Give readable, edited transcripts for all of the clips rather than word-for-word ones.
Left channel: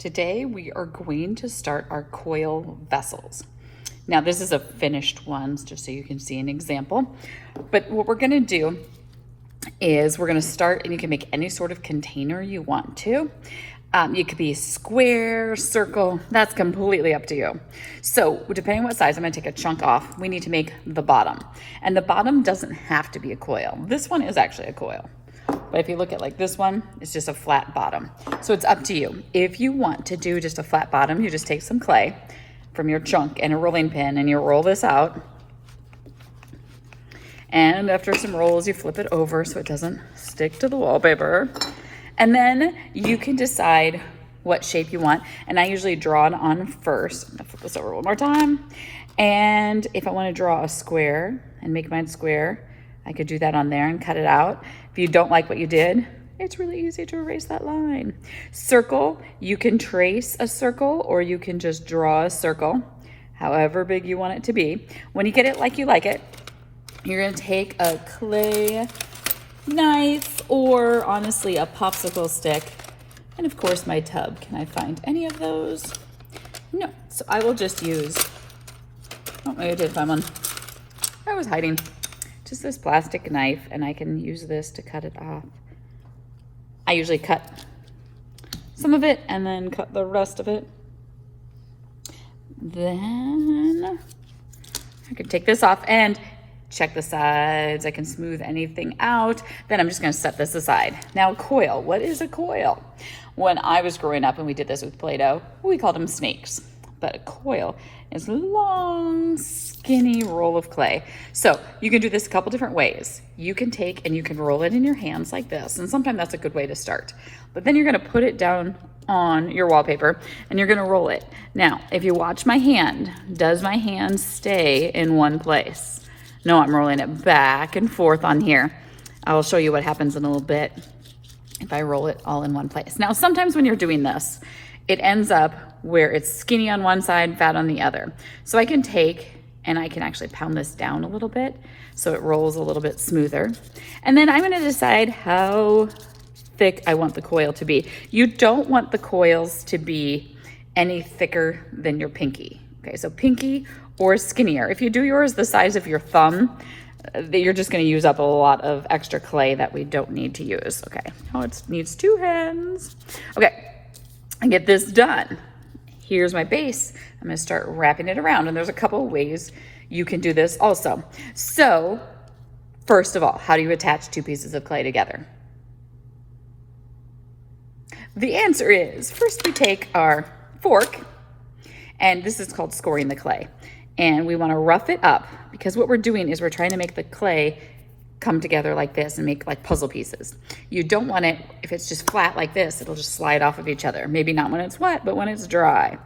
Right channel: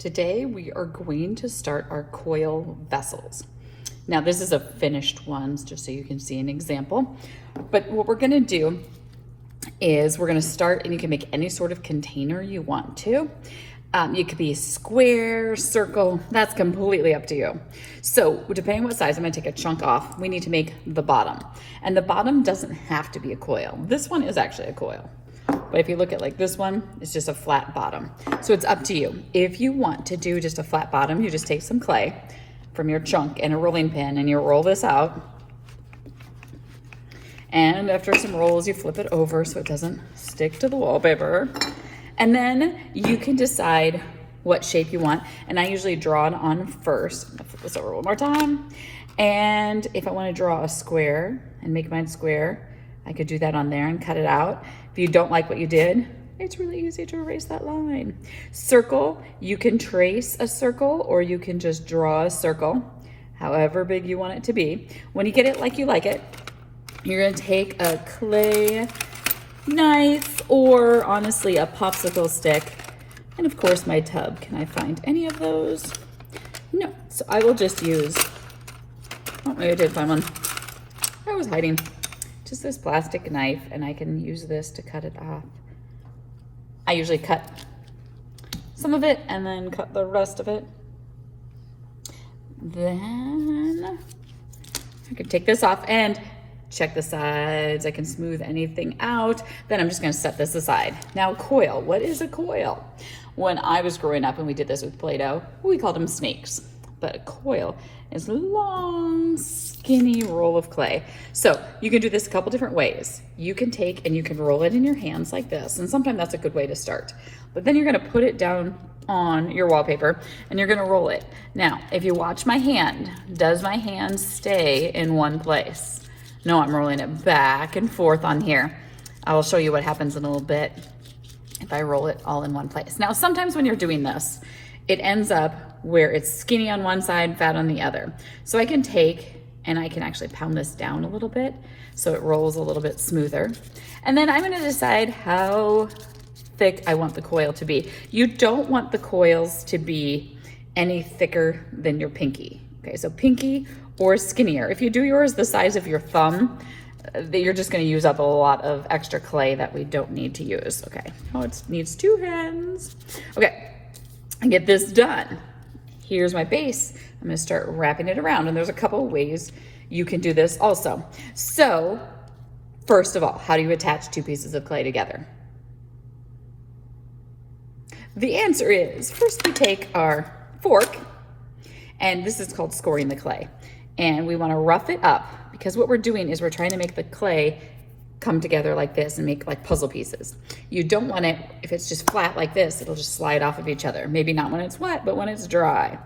Today we are going to start our coil vessels. Now this is a finished one, just so you can see an example. But what we're gonna do is we're gonna start, and you can make any sort of container you want to. It could be square, circle, that's completely up to you. So depending on what size, I'm gonna take a chunk off. We need to make the bottom. And the bottom doesn't have to be a coil. This one is actually a coil. But if you look at like this one, it's just a flat bottom. So it's up to you. If you want to do just a flat bottom, you just take some clay from your chunk and a rolling pin and you roll this out. And after some rolls, you flip it over so it doesn't stick to the wallpaper. And then you can decide what shape you want. And I usually draw it on first. I'm gonna flip this over one more time. And if I want to draw a square and make mine square, I could do that on there and cut it out. If you don't like what you did, it's really easy to erase that line. Circle, you can trace a circle or you can just draw a circle, however big you want it to be. When you get it like you like it, you're gonna take a clay knife or honestly a popsicle stick. And of course my tub. Can I find any of those? No, so I will just use, oh, maybe I did find one. I was hiding. Just this plastic knife, and I can use this to cut it off. I usually cut some of it and then cut the rest of it. Then I can take this off and check the sides. I can smooth anything out. Then I'm just gonna set this aside. Now coil, what is a coil? When I was growing up and we did this with Play-Doh, we called them snakes, but a coil is a long, skinny roll of clay. So you can do this a couple different ways. You can take and you can roll it in your hands like this, and sometimes that's a good way to start. But then you're gonna put it down on your wallpaper and you're gonna roll it. Now, if you watch my hand, does my hand stay in one place? No, I'm rolling it back and forth on here. I will show you what happens in a little bit if I roll it all in one place. Now, sometimes when you're doing this, it ends up where it's skinny on one side, fat on the other. So I can take and I can actually pound this down a little bit so it rolls a little bit smoother. And then I'm gonna decide how thick I want the coil to be. You don't want the coils to be any thicker than your pinky. Okay, so pinky or skinnier. If you do yours the size of your thumb, you're just gonna use up a lot of extra clay that we don't need to use. Okay, oh, it needs two hands. Okay, I get this done. Here's my base. I'm gonna start wrapping it around, and there's a couple of ways you can do this also. So, first of all, how do you attach two pieces of clay together? The answer is, first we take our fork, and this is called scoring the clay. And we wanna rough it up, because what we're doing is we're trying to make the clay come together like this and make like puzzle pieces. You don't want it, if it's just flat like this, it'll just slide off of each other. Maybe not when it's wet, but when it's dry.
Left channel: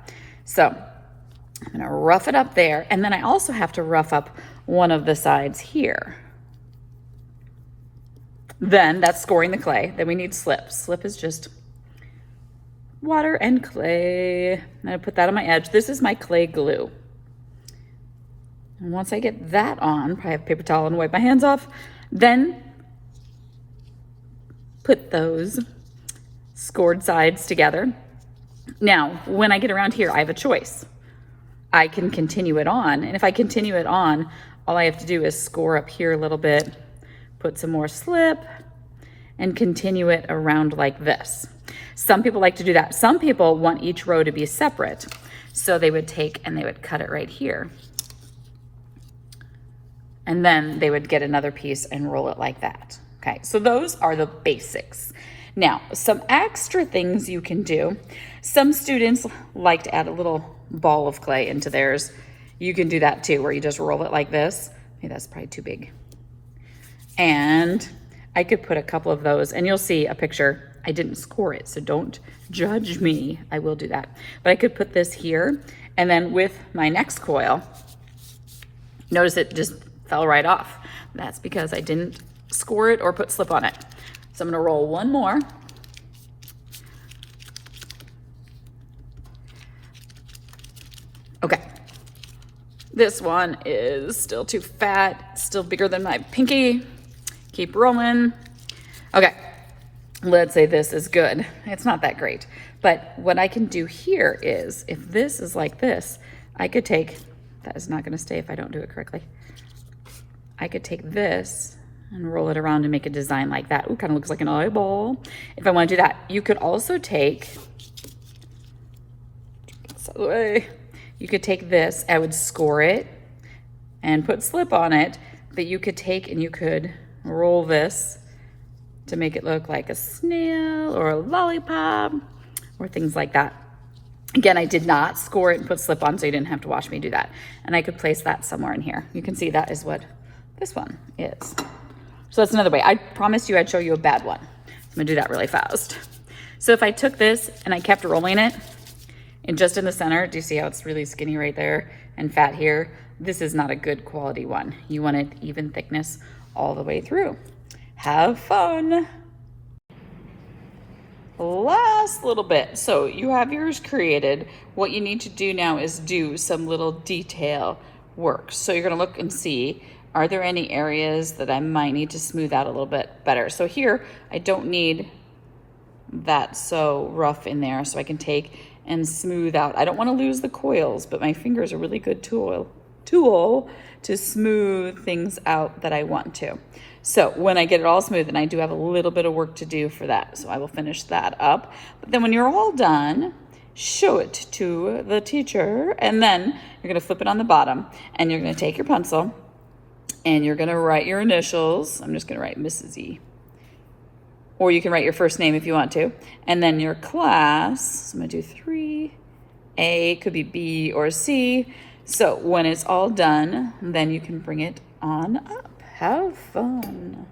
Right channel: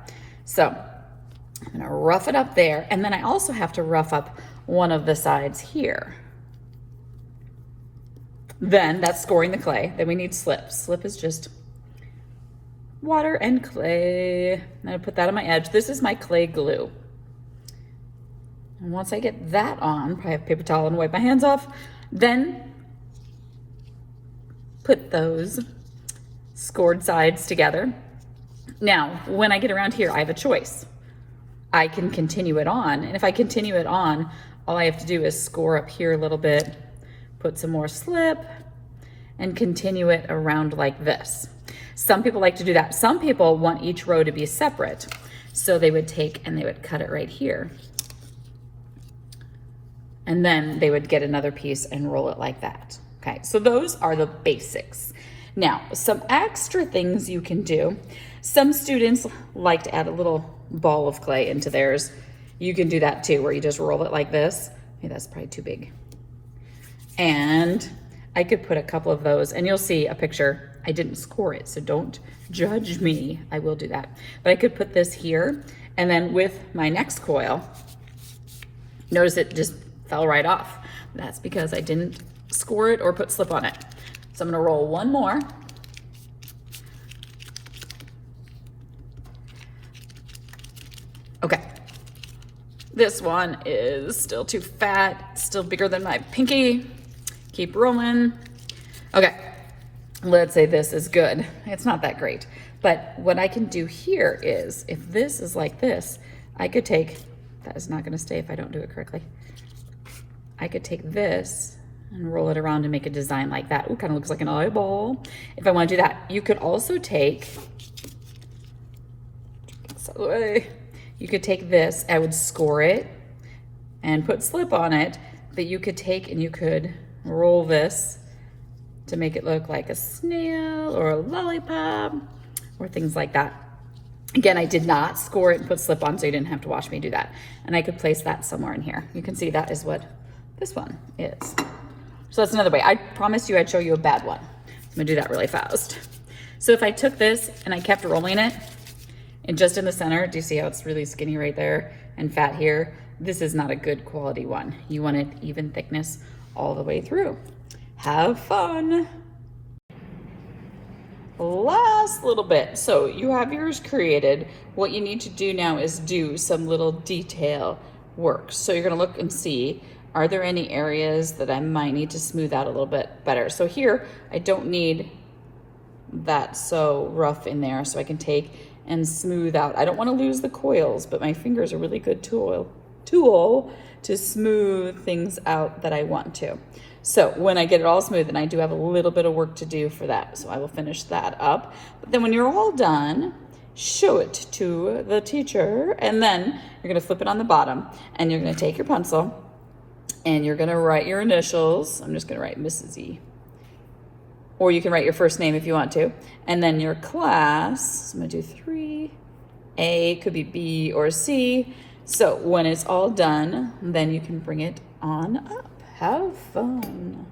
So I'm gonna rough it up there. And then I also have to rough up one of the sides here. Then that's scoring the clay. Then we need slip. Slip is just water and clay. I'm gonna put that on my edge. This is my clay glue. And once I get that on, I have a paper towel and wipe my hands off. Then put those scored sides together. Now, when I get around here, I have a choice. I can continue it on, and if I continue it on, all I have to do is score up here a little bit, put some more slip, and continue it around like this. Some people like to do that. Some people want each row to be separate, so they would take and they would cut it right here. And then they would get another piece and roll it like that. Okay, so those are the basics. Now, some extra things you can do. Some students like to add a little ball of clay into theirs. You can do that too, where you just roll it like this. Maybe that's probably too big. And I could put a couple of those, and you'll see a picture. I didn't score it, so don't judge me. I will do that. But I could put this here, and then with my next coil, notice it just fell right off. That's because I didn't score it or put slip on it. So I'm gonna roll one more. Okay. This one is still too fat, still bigger than my pinky. Keep rolling. Okay, let's say this is good. It's not that great, But what I can do here is, if this is like this, I could take, that is not gonna stay if I don't do it correctly. I could take this and roll it around and make a design like that. Ooh, kind of looks like an eyeball. If I want to do that, you could also take, you could take this, I would score it and put slip on it, but you could take and you could roll this to make it look like a snail or a lollipop or things like that. Again, I did not score it and put slip on, so you didn't have to watch me do that. And I could place that somewhere in here. You can see that is what this one is. So that's another way. I promised you I'd show you a bad one. I'm gonna do that really fast. So if I took this and I kept rolling it, and just in the center, do you see how it's really skinny right there and fat here? This is not a good quality one. You want it even thickness all the way through. Have fun. Last little bit. So you have yours created. What you need to do now is do some little detail work. So you're gonna look and see, are there any areas that I might need to smooth out a little bit better? So here, I don't need that so rough in there, so I can take and smooth out. I don't wanna lose the coils, but my finger's a really good tool to smooth things out that I want to. So when I get it all smooth, and I do have a little bit of work to do for that, so I will finish that up. But then when you're all done, show it to the teacher, and then you're gonna flip it on the bottom, and you're gonna take your pencil, and you're gonna write your initials. I'm just gonna write Mrs. E. Or you can write your first name if you want to. And then your class, I'm gonna do 3A, could be B or C. So when it's all done, then you can bring it on up. Have fun.